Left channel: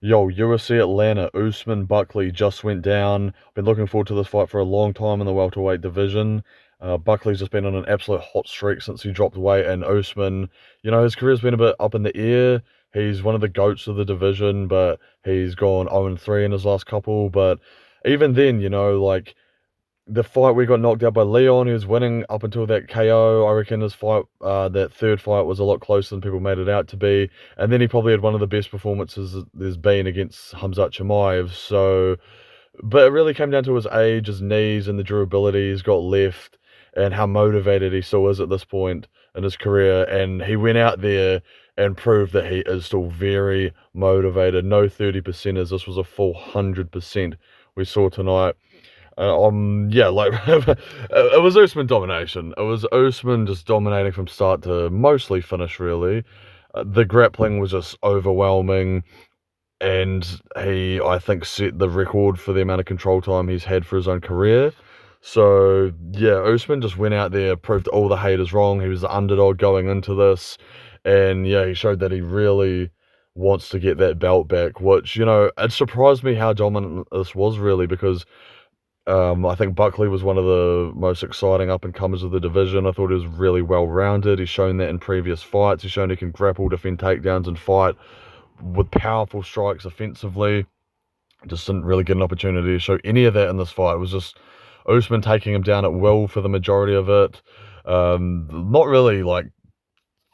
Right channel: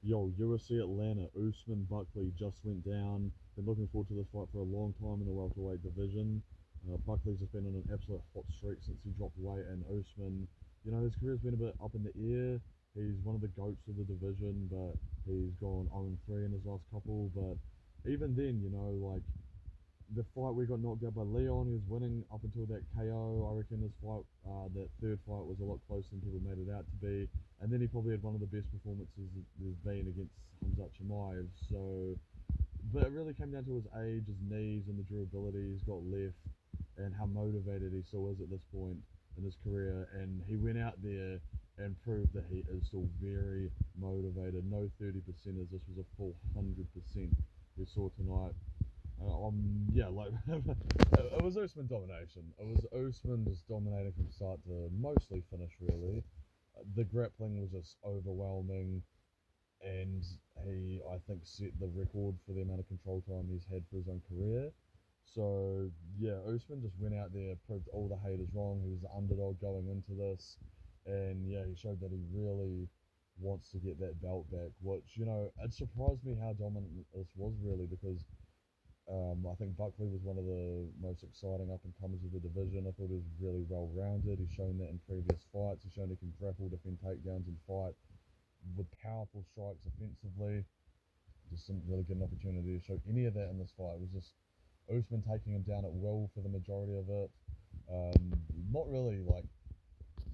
Yo, UFC Atlanta, Usman Buckley just went down. Been looking forward to this fight for a long time in the welterweight division. Buckley's just been on an absolute hot streak since he dropped weight, and Usman, his career's been a bit up in the air. He's one of the goats of the division, but he's gone 0-3 in his last couple. But even then, like the fight we got knocked out by Leon, he was winning up until that KO. I reckon his fight, that third fight, was a lot closer than people made it out to be. And then he probably had one of the best performances there's been against Hamzat Chimaev. So, but it really came down to his age, his knees, and the durability he's got left, and how motivated he still is at this point in his career. And he went out there and proved that he is still very motivated. No 30%ers. This was a full 100% we saw tonight. Yeah, like it was Usman domination. It was Usman just dominating from start to mostly finish, really. The grappling was just overwhelming, and I think, set the record for the amount of control time he's had for his own career. So, yeah, Usman just went out there, proved all the haters wrong. He was the underdog going into this, and yeah, he showed that he really wants to get that belt back, which, it surprised me how dominant this was, really, because I think Buckley was one of the most exciting up-and-comers of the division. I thought he was really well-rounded. He's shown that in previous fights. He's shown he can grapple, defend takedowns, and fight with powerful strikes offensively. Just didn't really get an opportunity to show any of that in this fight. It was just Usman taking him down at will for the majority of it. Not really, like,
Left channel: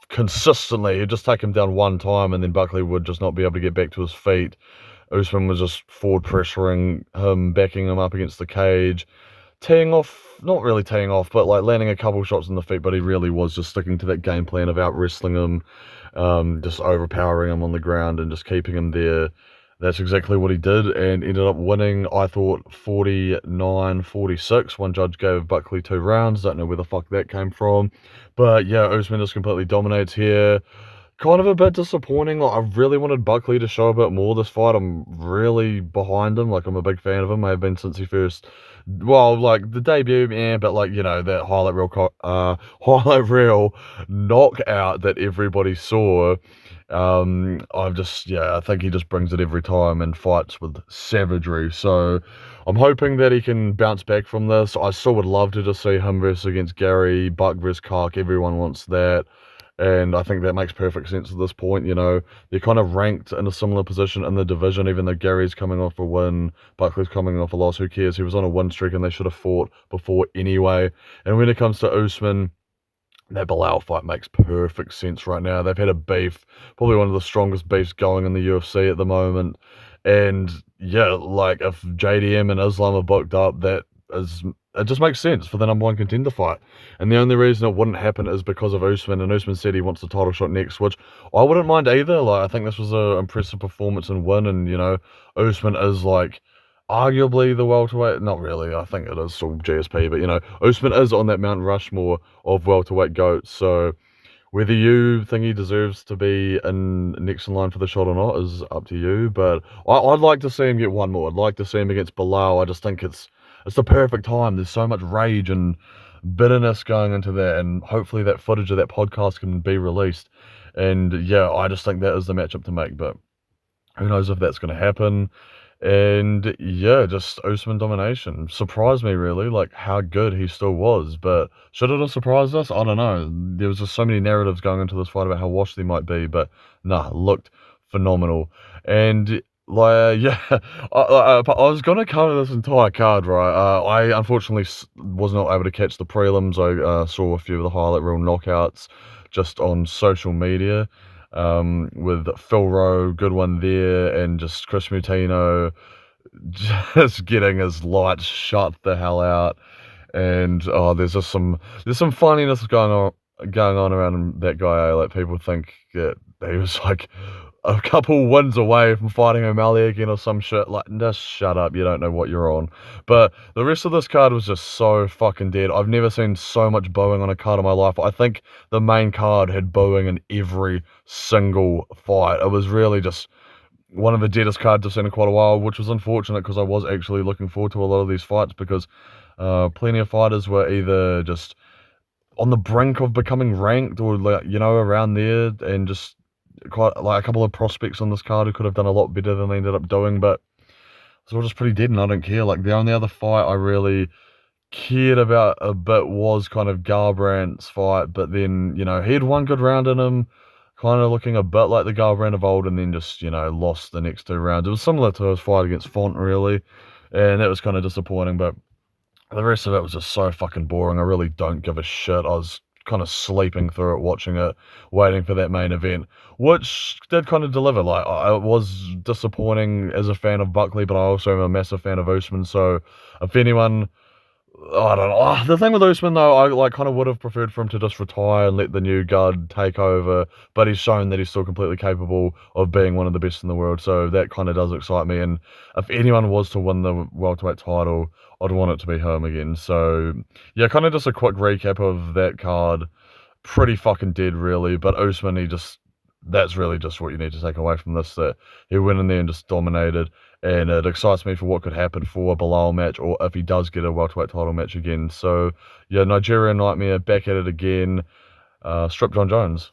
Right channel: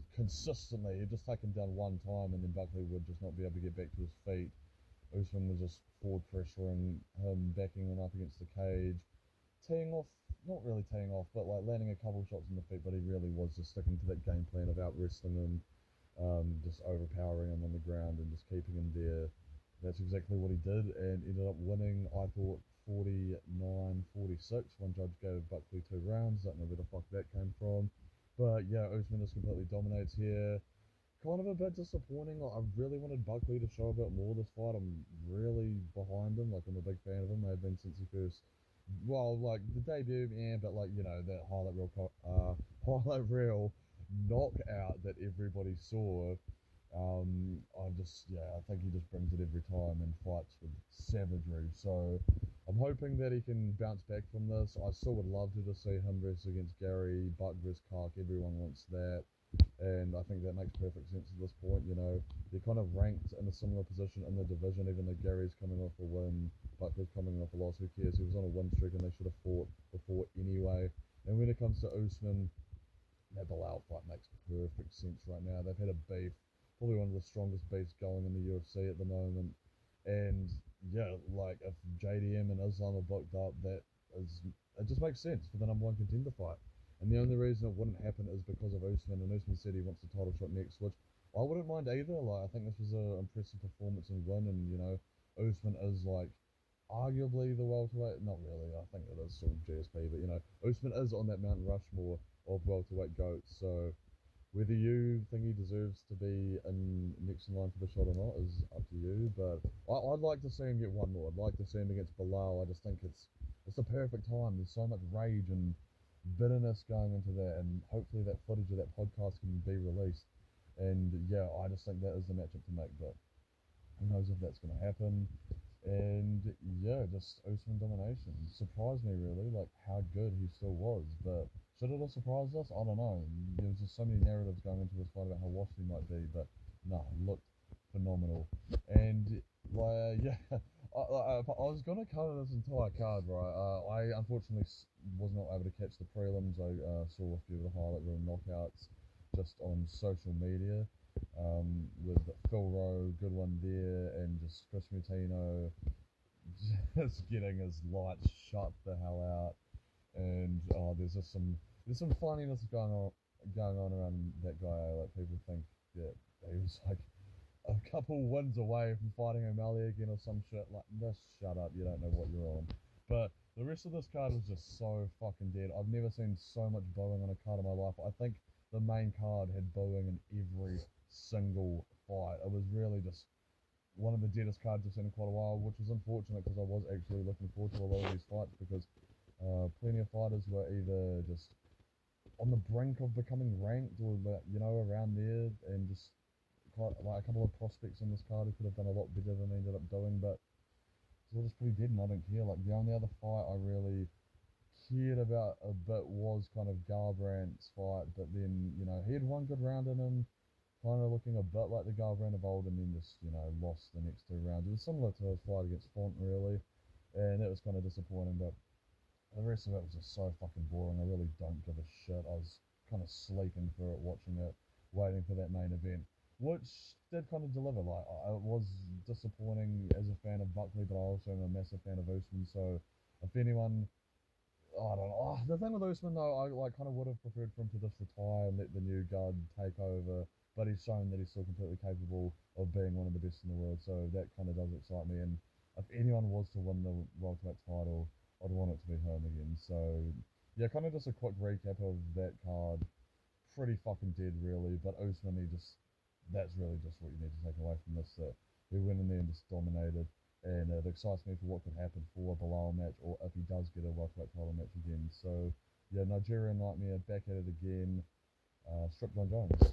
consistently. He'd just take him down one time, and then Buckley would just not be able to get back to his feet. Usman was just forward pressuring him, backing him up against the cage, teeing off, not really teeing off, but like landing a couple shots in the feet, but he really was just sticking to that game plan of out wrestling him, just overpowering him on the ground and just keeping him there. That's exactly what he did, and ended up winning, I thought, 49-46. One judge gave Buckley 2 rounds. Don't know where the fuck that came from. But yeah, Usman just completely dominates here. Kind of a bit disappointing. Like, I really wanted Buckley to show a bit more this fight. I'm really behind him. Like, I'm a big fan of him. I have been since he first, well, like the debut, yeah, but like, that highlight reel knockout that everybody saw. I think he just brings it every time and fights with savagery. So I'm hoping that he can bounce back from this. I still would love to just see him versus against Gary, Buck versus Kark. Everyone wants that. And I think that makes perfect sense at this point. They're kind of ranked in a similar position in the division, even though Gary's coming off a win, Buckley's coming off a loss. Who cares? He was on a win streak and they should have fought before anyway. And when it comes to Usman, that Bilal fight makes perfect sense right now. They've had a beef, probably one of the strongest beefs going in the UFC at the moment. And yeah, like if JDM and Islam are booked up, it just makes sense for the number one contender fight. And the only reason it wouldn't happen is because of Usman, and Usman said he wants the title shot next, which I wouldn't mind either. Like, I think this was an impressive performance and win, and Usman is like arguably the welterweight. Not really. I think it is still GSP, but Usman is on that Mount Rushmore of welterweight goats. So whether you think he deserves to be next in line for the shot or not is up to you. But I'd like to see him get one more. I'd like to see him against Bilal. I just think it's the perfect time. There's so much rage and bitterness going into that, and hopefully that footage of that podcast can be released. And yeah, I just think that is the matchup to make. But who knows if that's going to happen. And yeah, just Usman domination. Surprised me, really, like how good he still was. But should it have surprised us? I don't know. There was just so many narratives going into this fight about how washed he might be. But nah, looked phenomenal. And like, yeah, I was going to cover this entire card, right? I unfortunately was not able to catch the prelims. I saw a few of the highlight reel knockouts just on social media, with Phil Rowe, good one there, and just Chris Mutino just getting his lights shut the hell out. And there's some funniness going on around that guy. Like, people think that he was like a couple wins away from fighting O'Malley again or some shit. Like, just shut up, you don't know what you're on. But the rest of this card was just so fucking dead. I've never seen so much booing on a card in my life. I think the main card had booing in every single fight. It was really just one of the deadest cards I've seen in quite a while, which was unfortunate because I was actually looking forward to a lot of these fights, because plenty of fighters were either just on the brink of becoming ranked or, like, around there, and just quite like a couple of prospects on this card who could have done a lot better than they ended up doing, but it's all just pretty dead, and I don't care. Like the only other fight I really cared about a bit was kind of Garbrandt's fight, but then, he had one good round in him, kind of looking a bit like the Garbrandt of old, and then just, lost the next two rounds. It was similar to his fight against Font, really, and that was kind of disappointing, but the rest of it was just so fucking boring. I really don't give a shit. I was kind of sleeping through it, watching it, waiting for that main event, which did kind of deliver. Like, I was disappointing as a fan of Buckley, but I also am a massive fan of Usman, so if anyone I don't know. The thing with Usman, though, I like kind of would have preferred for him to just retire and let the new guard take over. But he's shown that he's still completely capable of being one of the best in the world. So that kind of does excite me. And if anyone was to win the welterweight title, I'd want it to be him again. So yeah, kind of just a quick recap of that card. Pretty fucking dead, really. But Usman, that's really just what you need to take away from this, that he went in there and just dominated, and it excites me for what could happen for a Bilal match, or if he does get a welterweight title match again. So yeah, Nigerian Nightmare back at it again. Strip John Jones.